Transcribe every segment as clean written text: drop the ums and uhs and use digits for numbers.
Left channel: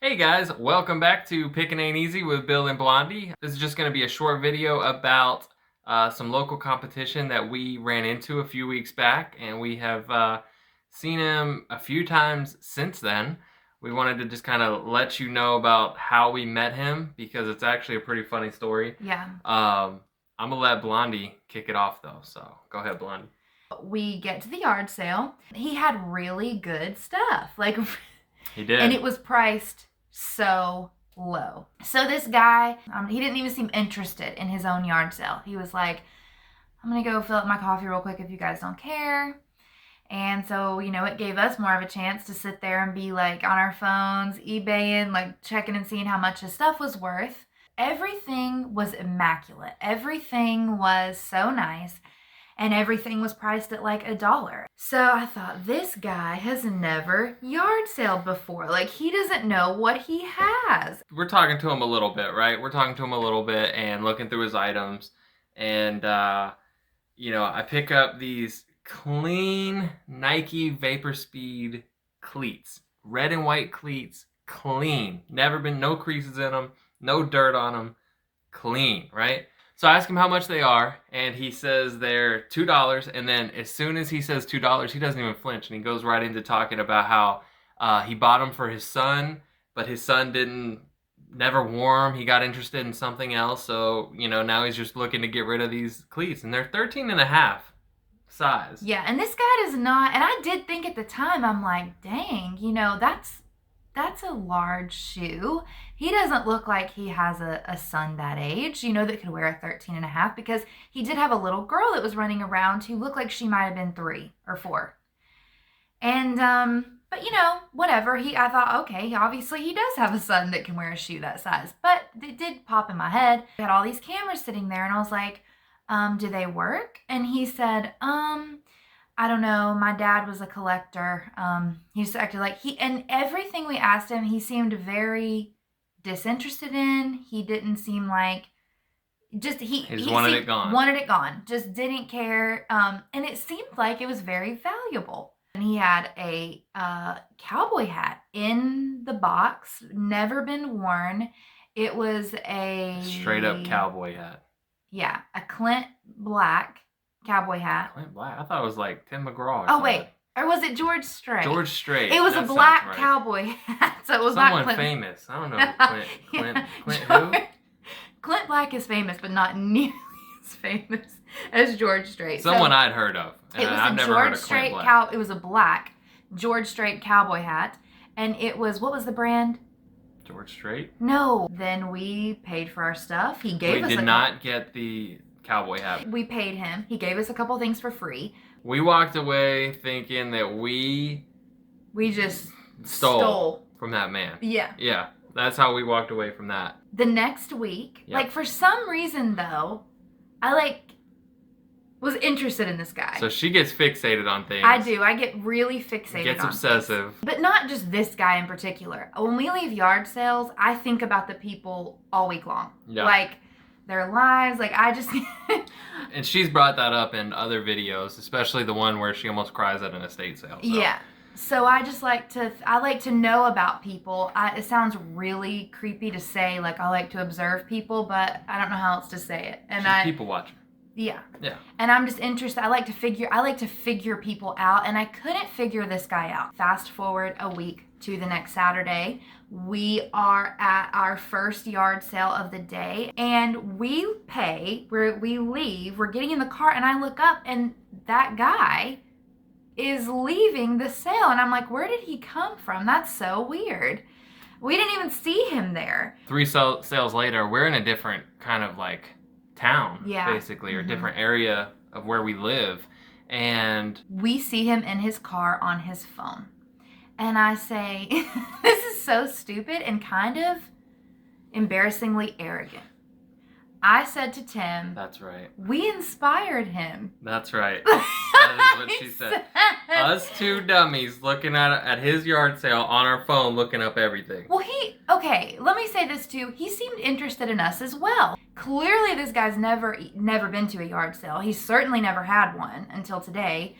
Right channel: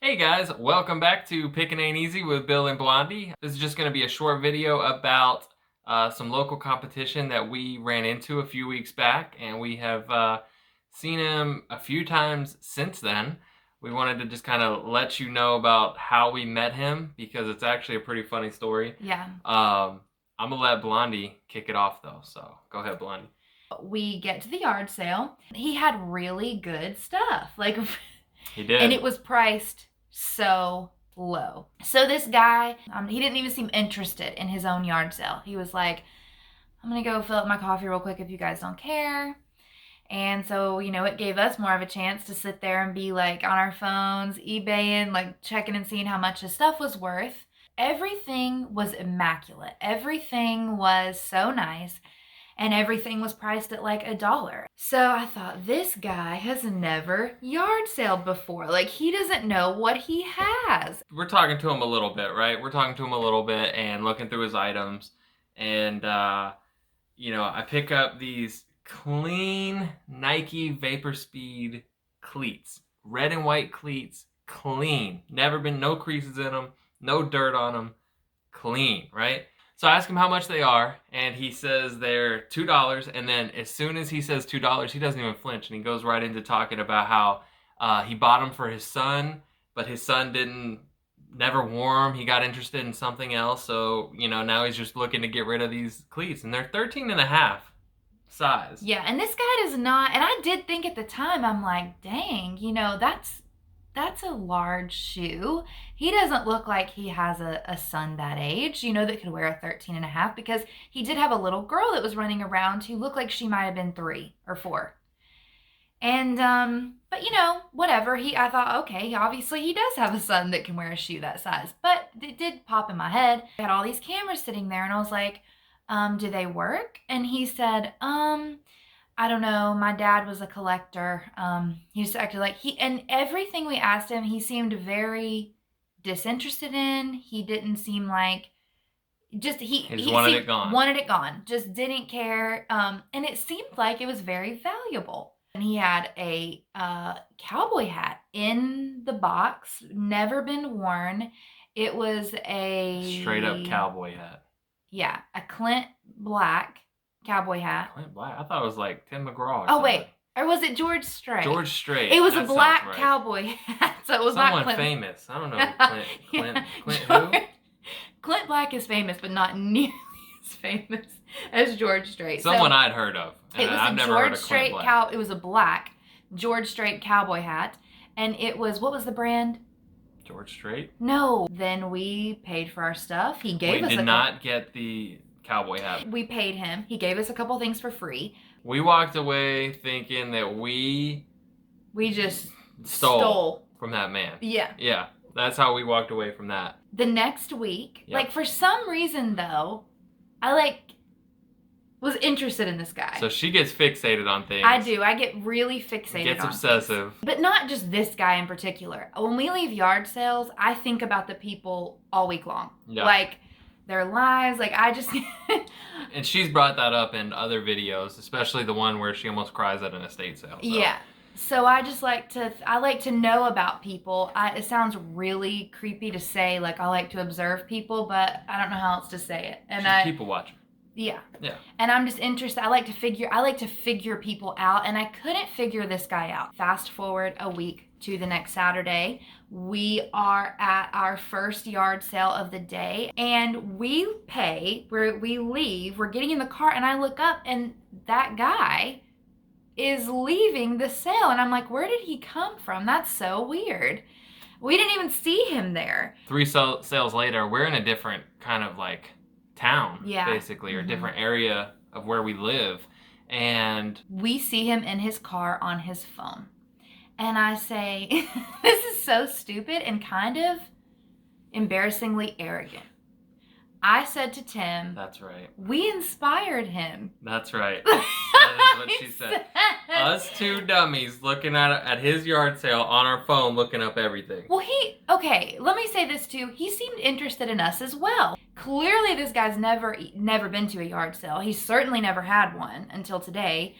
Hey guys, welcome back to Pickin' Ain't Easy with Bill and Blondie. This is just going to be a short video about some local competition that we ran into a few weeks back, and we have seen him a few times since then. We wanted to just kind of let you know about how we met him because it's actually a pretty funny story. Yeah. I'm going to let Blondie kick it off though, so go ahead, Blondie. We get to the yard sale. He had really good stuff. He did. And it was priced so low. So this guy, he didn't even seem interested in his own yard sale. He was like, I'm going to go fill up my coffee real quick if you guys don't care. And so, it gave us more of a chance to sit there and be like on our phones, eBaying, like checking and seeing how much his stuff was worth. Everything was immaculate. Everything was so nice. And everything was priced at like $1. So I thought, this guy has never yard saled before. Like, he doesn't know what he has. We're talking to him a little bit, right? We're talking to him a little bit and looking through his items. And, I pick up these clean Nike Vapor Speed cleats. Red and white cleats, clean. Never been, no creases in them, no dirt on them, clean, right? So I ask him how much they are, and he says they're $2, and then as soon as he says $2, he doesn't even flinch, and he goes right into talking about how he bought them for his son, but his son never wore them. He got interested in something else, so, now he's just looking to get rid of these cleats, and they're 13 and a half size. Yeah, and this guy does not, and I did think at the time, I'm like, dang, that's a large shoe. He doesn't look like he has a son that age, that could wear a 13 and a half, because he did have a little girl that was running around who looked like she might have been 3 or 4. And, but whatever. I thought, okay, obviously he does have a son that can wear a shoe that size. But it did pop in my head. I had all these cameras sitting there, and I was like, do they work? And he said, I don't know. My dad was a collector. He just acted like and everything we asked him, he seemed very disinterested in. He didn't seem like, he wanted it gone. Wanted it gone. Just didn't care. And it seemed like it was very valuable. And he had a cowboy hat in the box, never been worn. It was a straight up cowboy hat. Yeah, a Clint Black cowboy hat. Clint Black? I thought it was like Tim McGraw. Oh, wait. Or was it George Strait? George Strait. It was a black cowboy hat, so it was someone not Clint. Famous. I don't know. Clint who? Clint Black is famous, but not nearly as famous as George Strait. Someone I'd heard of. It was I've a never George heard of Clint Strait Black. It was a black George Strait cowboy hat, and it was, what was the brand? George Strait? No. Then we paid for our stuff. He gave us. We did not get the cowboy hat. We paid him. He gave us a couple things for free. We walked away thinking that we just stole from that man. Yeah. Yeah. That's how we walked away from that. The next week, for some reason though, I was interested in this guy. So she gets fixated on things. I do. I get really fixated Gets on obsessive. Things. But not just this guy in particular. When we leave yard sales, I think about the people all week long. Yeah. Like their lives. And she's brought that up in other videos, especially the one where she almost cries at an estate sale. So. Yeah. So I just like to know about people. It sounds really creepy to say, I like to observe people, but I don't know how else to say it. And she's people watching. Yeah. Yeah. And I'm just interested. I like to figure people out, and I couldn't figure this guy out. Fast forward a week to the next Saturday. We are at our first yard sale of the day, and we leave, we're getting in the car, and I look up, and that guy is leaving the sale, and I'm like, where did he come from? That's so weird. We didn't even see him there. 3 sales later, we're in a different kind of town, basically, or different area of where we live, and we see him in his car on his phone. And I say, this is so stupid and kind of embarrassingly arrogant. I said to Tim, that's right. We inspired him. That's right. That is what she said. Us two dummies looking at his yard sale on our phone, looking up everything. Well, let me say this too. He seemed interested in us as well. Clearly, this guy's never been to a yard sale. He certainly never had one until today.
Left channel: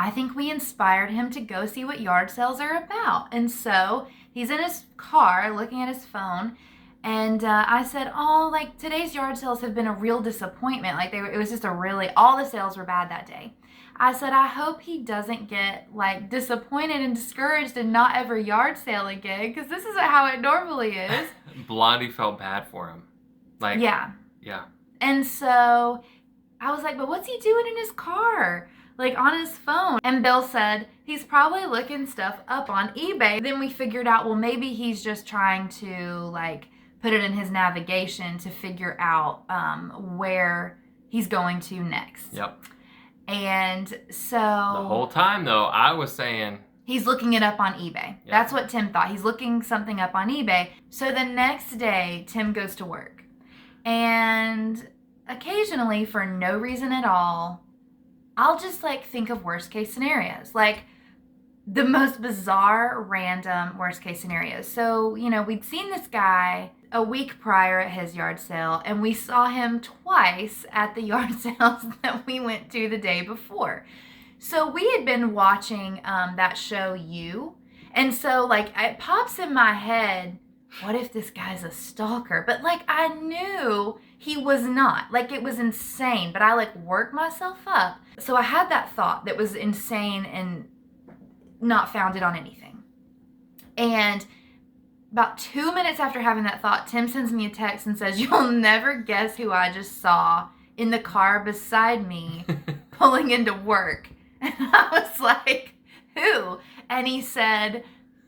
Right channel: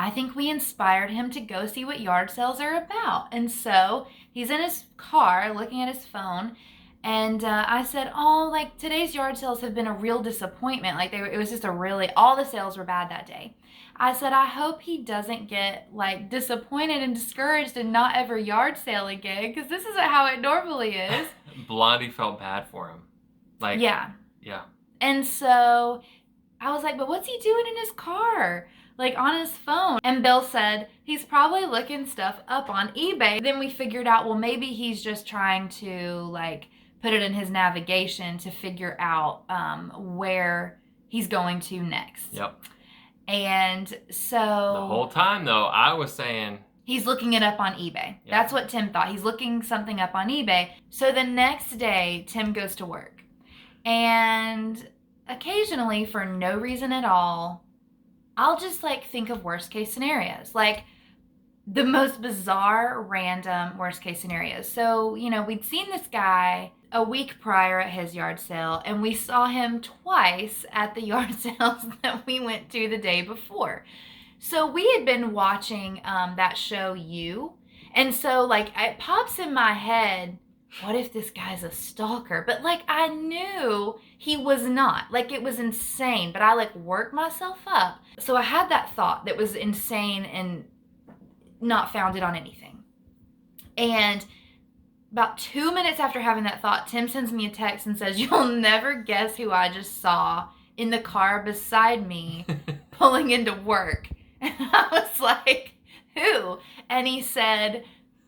I think we inspired him to go see what yard sales are about. And so he's in his car looking at his phone. And I said, oh, like today's yard sales have been a real disappointment. Like it was just all the sales were bad that day. I said, I hope he doesn't get like disappointed and discouraged and not ever yard sale again, because this isn't how it normally is. Blondie felt bad for him. Like, yeah. And so I was like, but what's he doing in his car? Like on his phone. And Bill said he's probably looking stuff up on eBay. Then we figured out, well, maybe he's just trying to like put it in his navigation to figure out where he's going to next. Yep. And so the whole time though, I was saying he's looking it up on eBay. Yep. That's what Tim thought. He's looking something up on eBay. So the next day, Tim goes to work. And occasionally, for no reason at all, I'll just like think of worst case scenarios, like the most bizarre, random worst case scenarios. So, you know, we'd seen this guy a week prior at his yard sale, and we saw him twice at the yard sales that we went to the day before. So we had been watching that show, You. And so like it pops in my head, what if this guy's a stalker? But like I knew he was not. Like it was insane, but I like worked myself up. So I had that thought that was insane and not founded on anything. And about 2 minutes after having that thought, Tim sends me a text and says, you'll never guess who I just saw in the car beside me pulling into work. And I was like, who? And he said,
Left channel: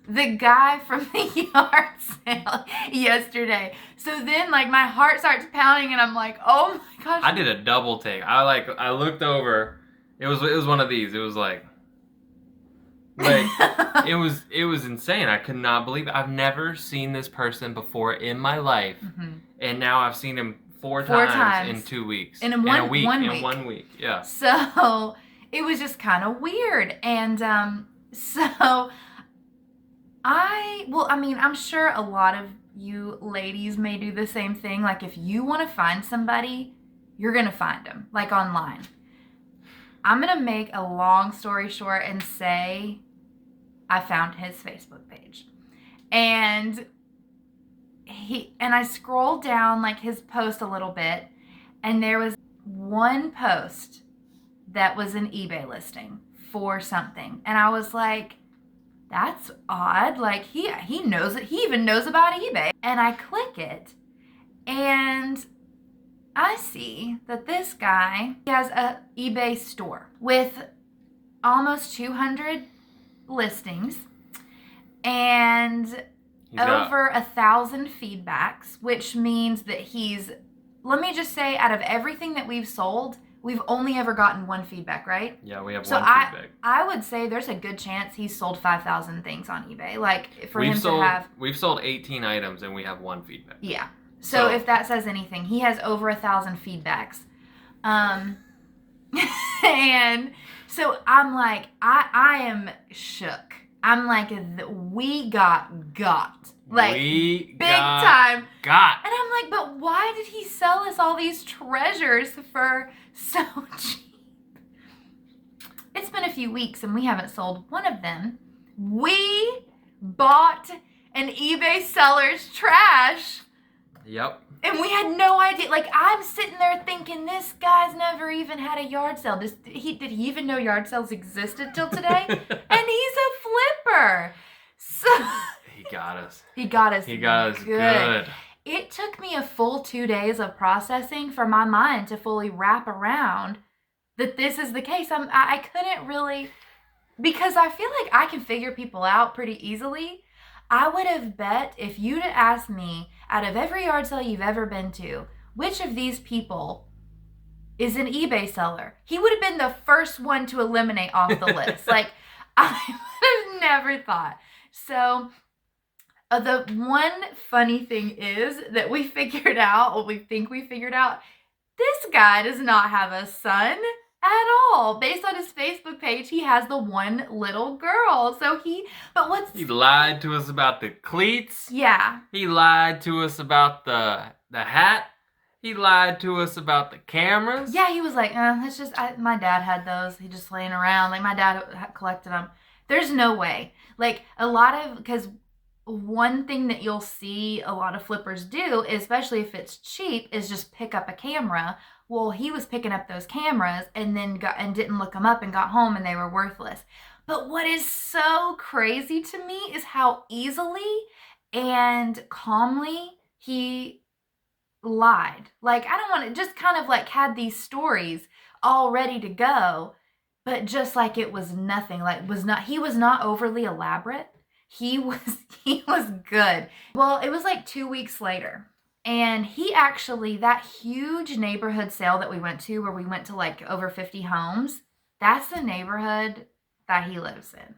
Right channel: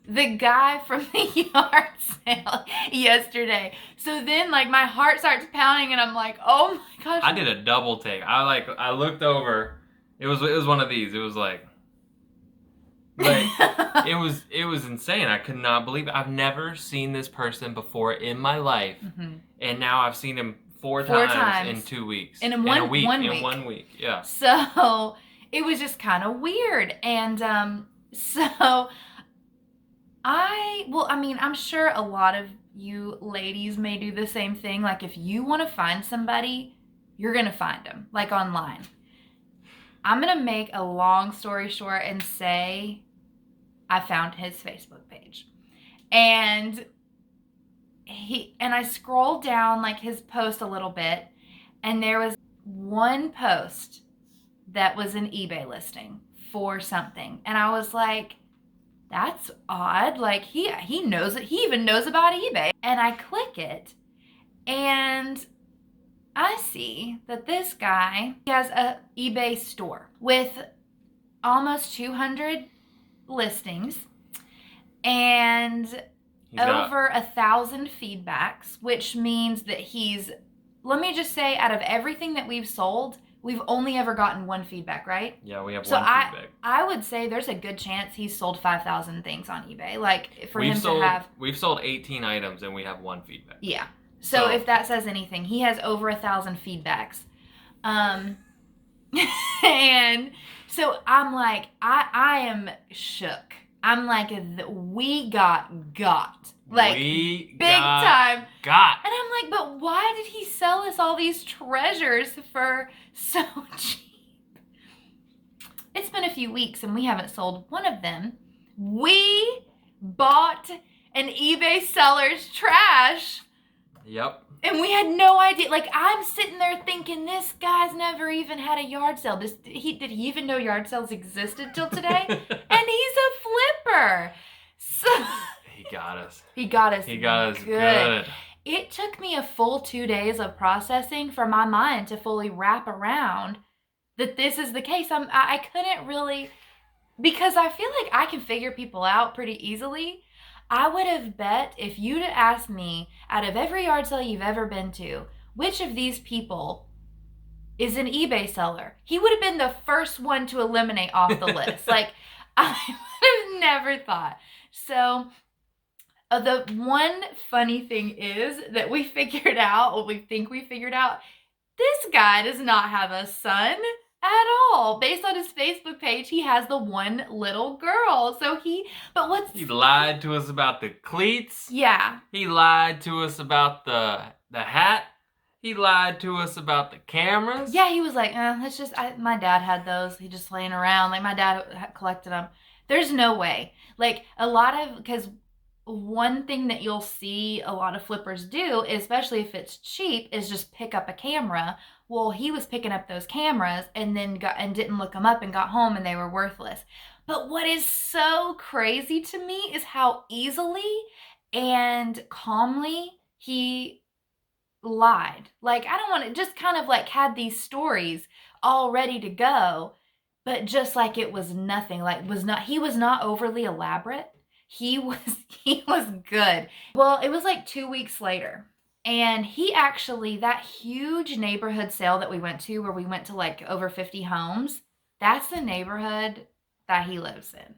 the guy from the yard sale yesterday. So then like my heart starts pounding and I'm like, oh my gosh. I did a double take. I looked over. It was one of these. It was like it was insane. I could not believe it. I've never seen this person before in my life. Mm-hmm. And now I've seen him four times in 2 weeks. In one week. In 1 week. Yeah. So it was just kind of weird. And so I'm sure a lot of you ladies may do the same thing. Like if you want to find somebody, you're going to find them, like online. I'm going to make a long story short and say I found his Facebook page. And I scrolled down like his post a little bit, and there was one post that was an eBay listing for something. And I was like, that's odd. Like he knows it. He even knows about eBay. And I click it and I see that this guy has a eBay store with almost 200 listings and over 1,000 feedbacks, which means that let me just say, out of everything that we've sold, we've only ever gotten one feedback, right? Yeah, we have one feedback. I would say there's a good chance he's sold 5,000 things on eBay. Like we've sold 18 items and we have one feedback. Yeah. So if that says anything, he has over 1,000 feedbacks. And so I'm like, I am shook. I'm like, we got. Like, big time. Got. And I'm like, but why did he sell us all these treasures for so cheap? It's been a few weeks and we haven't sold one of them. We bought an eBay seller's trash. Yep. And we had no idea. Like, I'm sitting there thinking, this guy's never even had a yard sale. Did he even know yard sales existed till today? And he's a flipper. So he got us. He got us good. It took me a full 2 days of processing for my mind to fully wrap around that this is the case. I couldn't really, because I feel like I can figure people out pretty easily. I would have bet if you'd asked me, out of every yard sale you've ever been to, which of these people is an eBay seller, he would have been the first one to eliminate off the list. Like, I would have never thought. So the one funny thing is that we figured out, or we think we figured out, this guy does not have a son at all. Based on his Facebook page, he has the one little girl. So he lied to us about the cleats. Yeah. He lied to us about the hat. He lied to us about the cameras. Yeah, he was like, it's just, my dad had those. He just laying around. Like, my dad collected them. There's no way. Like, because one thing that you'll see a lot of flippers do, especially if it's cheap, is just pick up a camera. Well, he was picking up those cameras and then didn't look them up and got home and they were worthless. But what is so crazy to me is how easily and calmly he lied. Like, I don't want to, just kind of like had these stories all ready to go, but just like it was nothing. Like, he was not overly elaborate. He was good. Well, it was like 2 weeks later. And he actually, that huge neighborhood sale that we went to, where we went to like over 50 homes, that's the neighborhood that he lives in.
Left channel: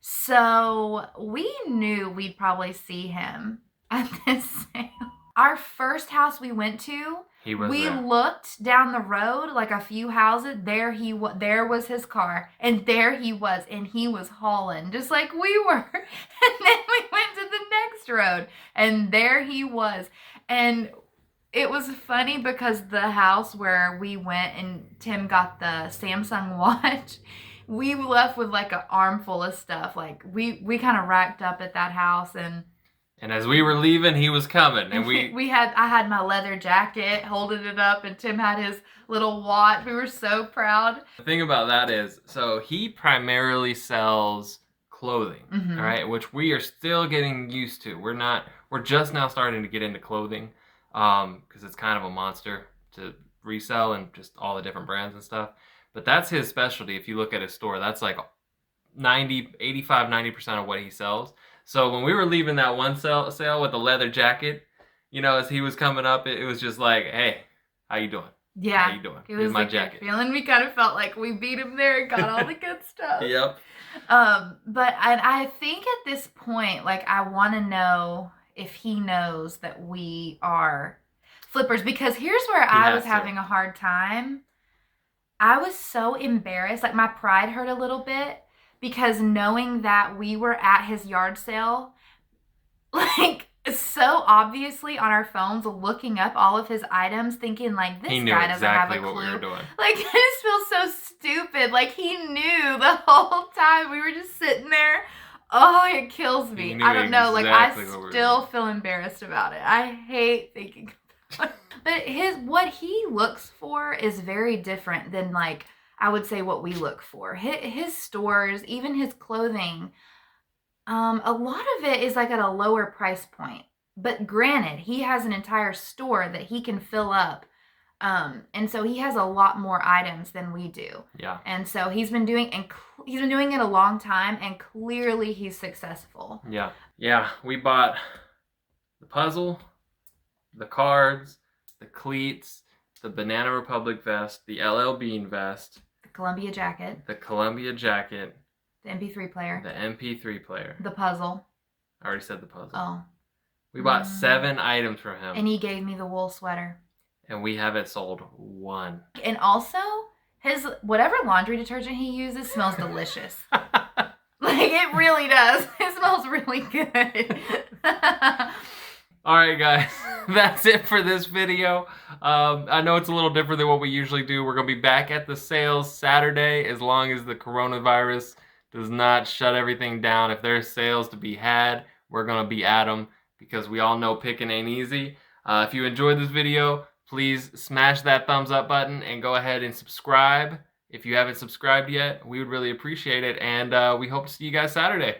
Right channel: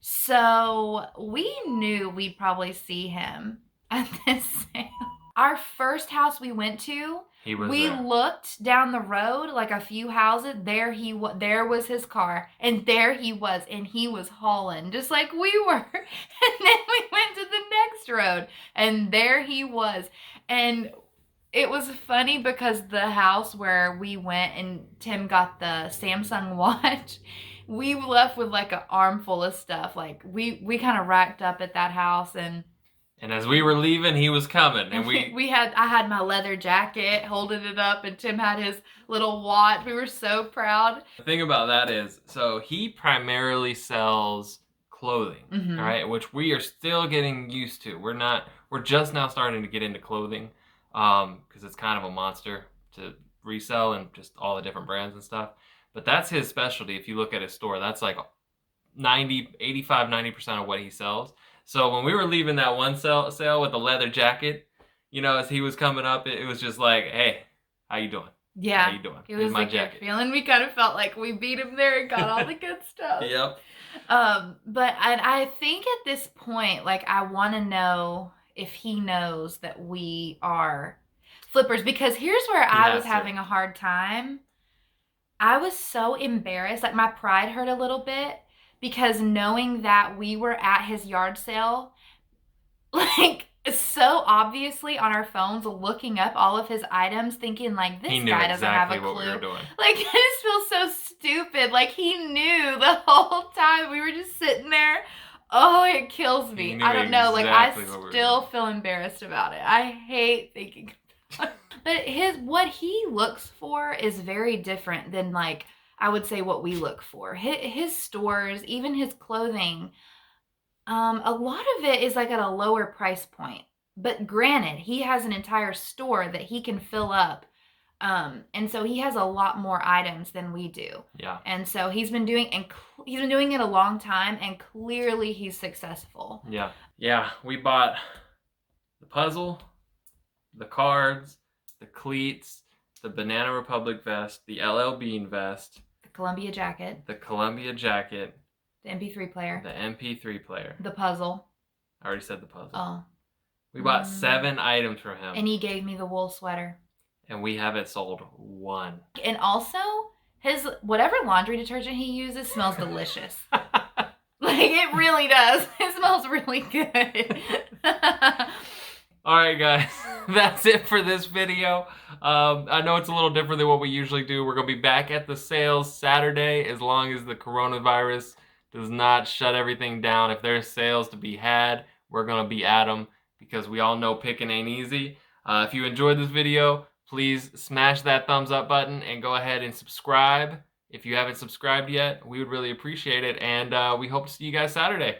So we knew we'd probably see him at this sale. Our first house we went to, we looked down the road like a few houses. There was his car, and there he was, and he was hauling just like we were. And then we went to the next road, and there he was. And it was funny because the house where we went and Tim got the Samsung watch, we left with like an armful of stuff. Like we kind of racked up at that house, and as we were leaving, he was coming, and I had my leather jacket holding it up, and Tim had his little watch. We were so proud. The thing about that is, so he primarily sells clothing, all right, which we are still getting used to. We're just now starting to get into clothing, because it's kind of a monster to resell and just all the different brands and stuff. But that's his specialty. If you look at his store, that's like 90% of what he sells. So when we were leaving that one sale with the leather jacket, you know, as he was coming up, it was just like, hey, how you doing? Yeah. How you doing? It was my like jacket. Feeling. We kind of felt like we beat him there and got all the good stuff. Yep. But I think at this point, like, I want to know if he knows that we are flippers, because here's where I was having a hard time. I was so embarrassed. Like, my pride hurt a little bit, because knowing that we were at his yard sale, like, so obviously on our phones looking up all of his items, thinking like, this guy doesn't have a clue. What we were doing. Like, I just feel so stupid. Like, he knew the whole time. We were just sitting there. Oh, it kills me. I don't know. Like, I still feel embarrassed about it. I hate thinking about it. But what he looks for is very different than, like, I would say what we look for. His stores, even his clothing, a lot of it is like at a lower price point. But granted, he has an entire store that he can fill up. And so he has a lot more items than we do. Yeah. And so he's been doing it a long time, and clearly he's successful. Yeah. Yeah, we bought the puzzle, the cards, the cleats, the Banana Republic vest, the LL Bean vest, the Columbia jacket, the MP3 player, the MP3 player, the puzzle. I already said the puzzle. Oh. We bought 7 items from him. And he gave me the wool sweater. And we haven't sold 1. And also, his whatever laundry detergent he uses smells delicious. Like, it really does. It smells really good. Alright guys, that's it for this video. I know it's a little different than what we usually do. We're going to be back at the sales Saturday, as long as the coronavirus does not shut everything down. If there's sales to be had, we're going to be at them, because we all know picking ain't easy. If you enjoyed this video, please smash that thumbs up button and go ahead and subscribe. If you haven't subscribed yet, we would really appreciate it. And we hope to see you guys Saturday.